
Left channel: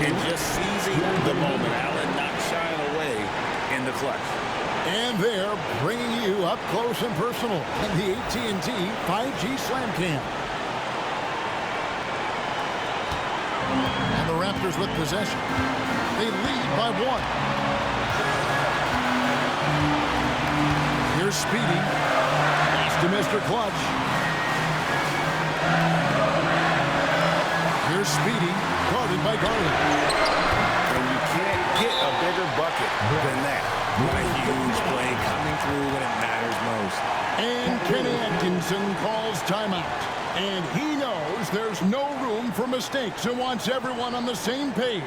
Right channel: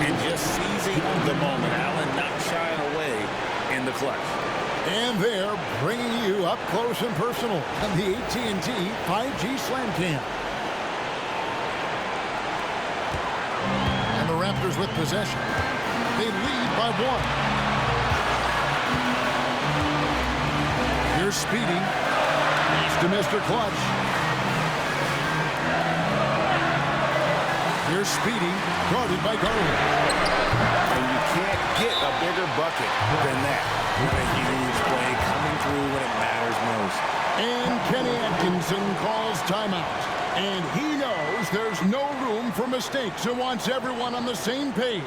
And just seizing the moment. Allen not shying away in the clutch. And they're bringing you up close and personal on the AT&T 5G Slam Cam. And the Raptors with possession. They lead by 1. Here's Speedy. Pass to Mr. Clutch. Here's Speedy, guarded by Garland. And you can't get a bigger bucket than that. What a huge play coming through when it matters most. And Kenny Atkinson calls timeout. And he knows there's no room for mistakes and wants everyone on the same page.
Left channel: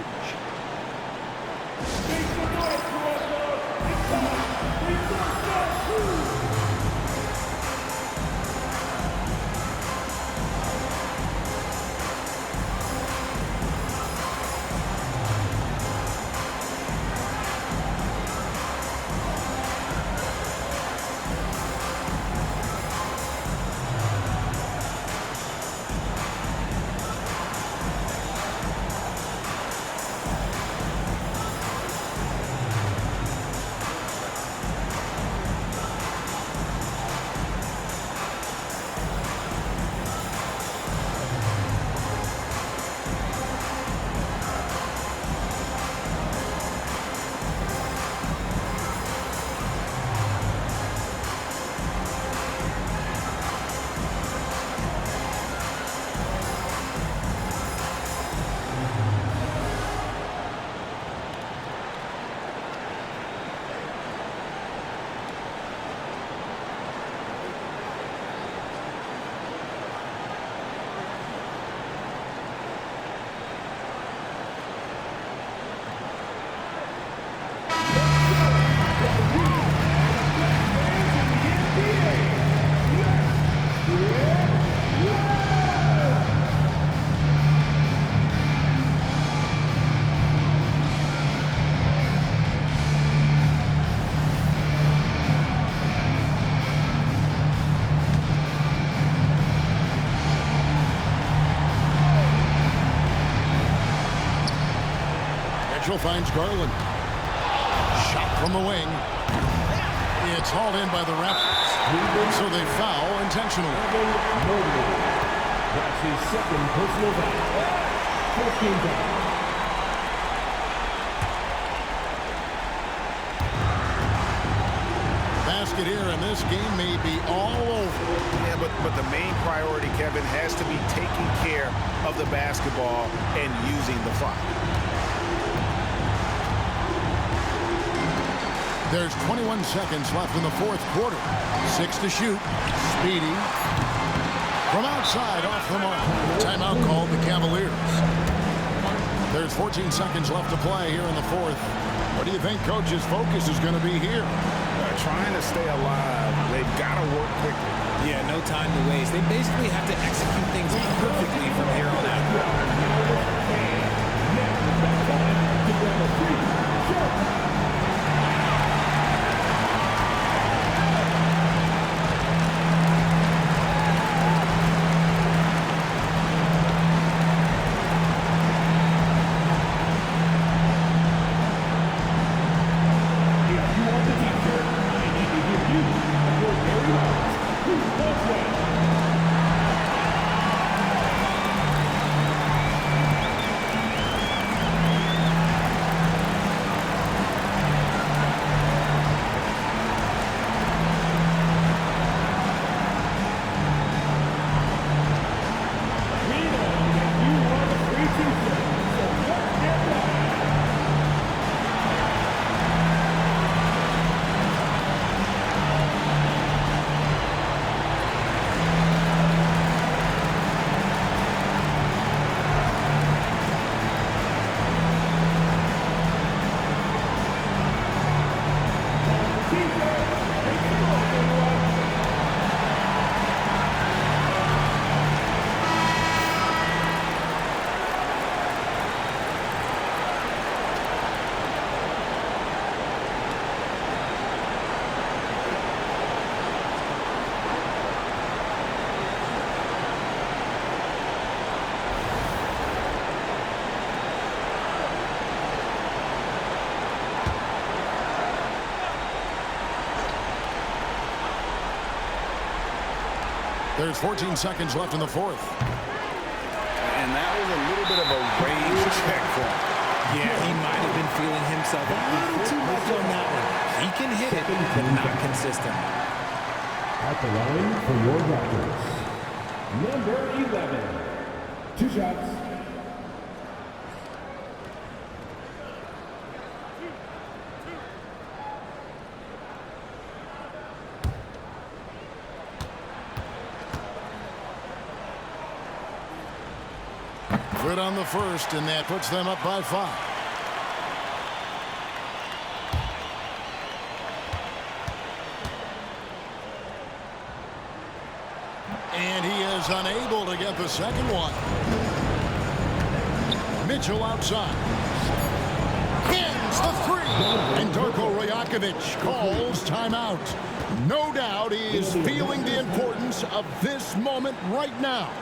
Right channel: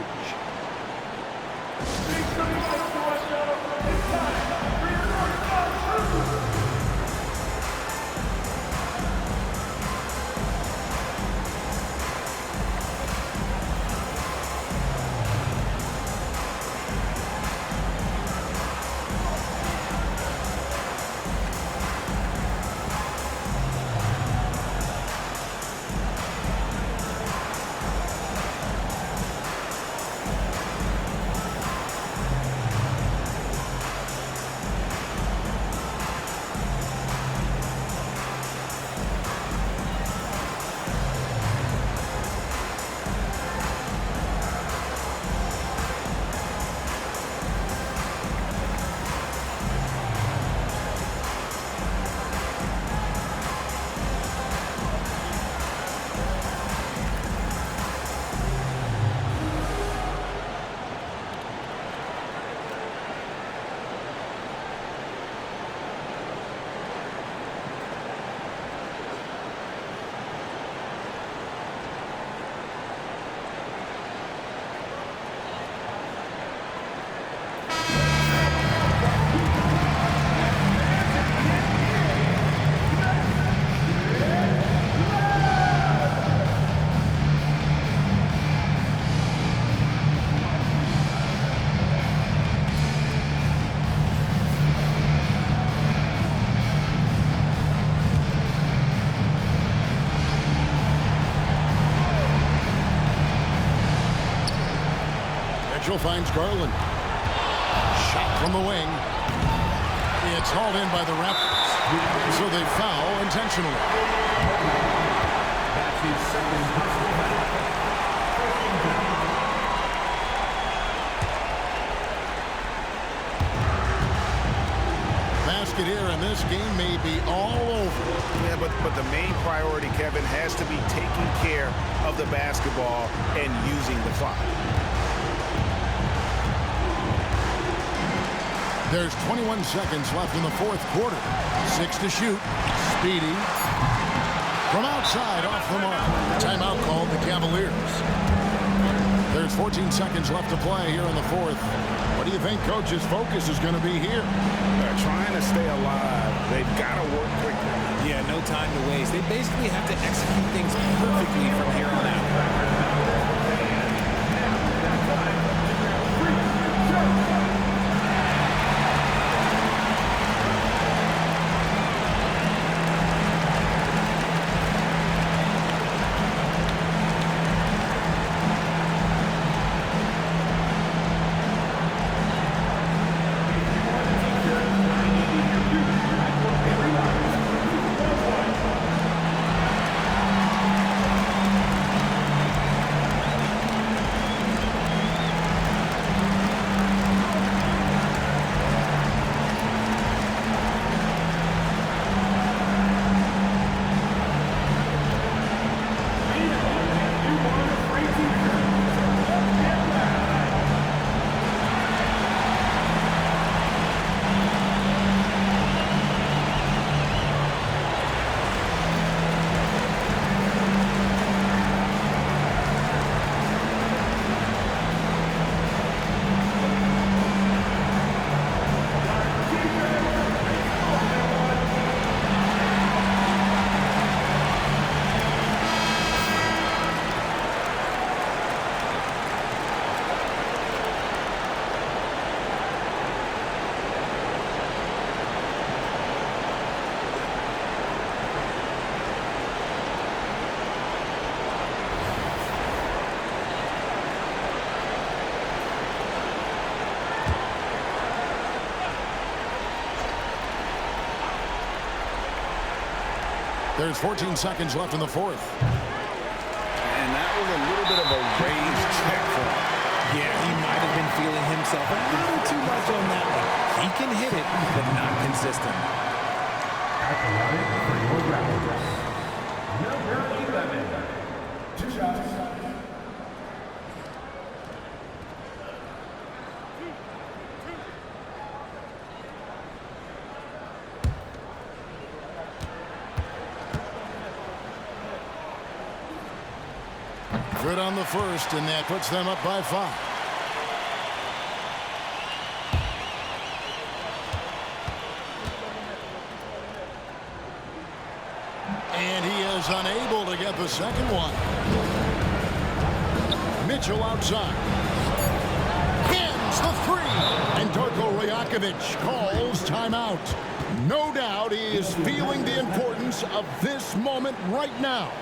Mitchell finds Garland. Shot from the wing. It's hauled in by the Raptors. And so they foul intentionally. That's his second personal foul. First team foul. Basket here, and this game may be all over. Yeah, but the main priority, Kevin, has to be taking care of the basketball and using the clock. There's 21 seconds left in the fourth quarter. 6 to shoot. Speedy. From outside, off the mark. Timeout called the Cavaliers. There's 14 seconds left to play here in the fourth. What do you think Coach's focus is going to be here? Trying to stay alive. They've got to work quickly. Yeah, no time to waste. They basically have to execute things perfectly from here on out. There's 14 seconds left in the fourth. And that was a little bit of a rage check for him. Yeah, he might have been feeling himself a little too much on that one. He can hit it, but not consistent. At the line for your Raptors, number 11. 2 shots. Good on the first, and that puts them up by 5. And he is unable to get the second one. Mitchell outside. Hands the three. And Darko Rajakovic calls timeout. No doubt he is feeling the importance of this moment right now.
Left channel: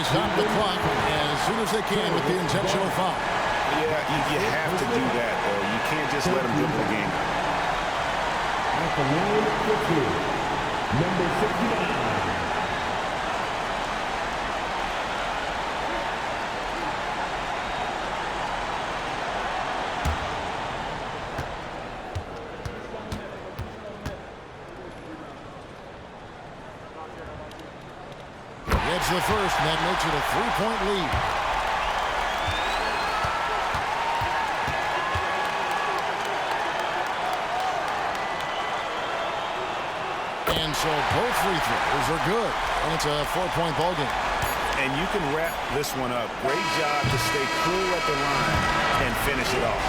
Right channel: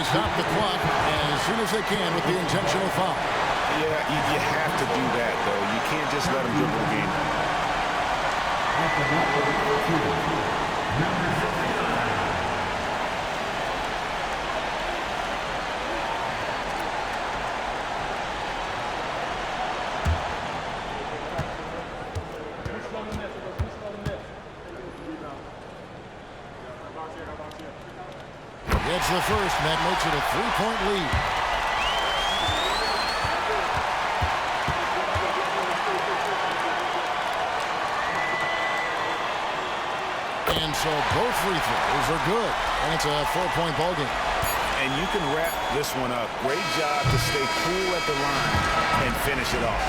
they stop the clock as soon as they can with the intentional foul. Yeah, you have to do that, though. You can't just let them dribble the game. At the line, number 69. Gets the first, and that makes it a 3-point lead. And so both free throws are good, and it's a 4-point ball game. And you can wrap this one up. Great job to stay cool at the line and finish it off.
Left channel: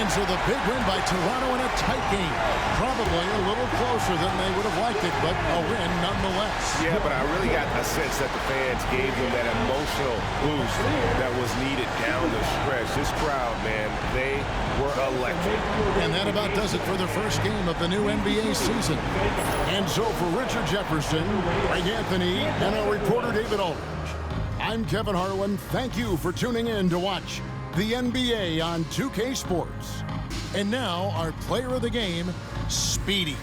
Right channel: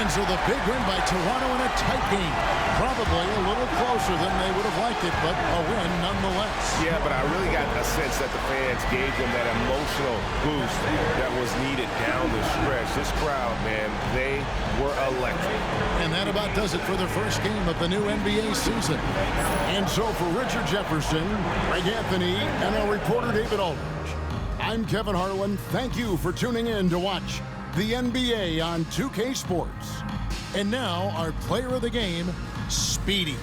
And so the big win by Toronto in a tight game. Probably a little closer than they would have liked it, but a win nonetheless. Yeah, but I really got a sense that the fans gave them that emotional boost that was needed down the stretch. This crowd, man, they were electric. And that about does it for the first game of the new NBA season. And so for Richard Jefferson, Greg Anthony, and our reporter David Aldridge, I'm Kevin Harlan. Thank you for tuning in to watch the NBA on 2K Sports. And now our player of the game, Speedy.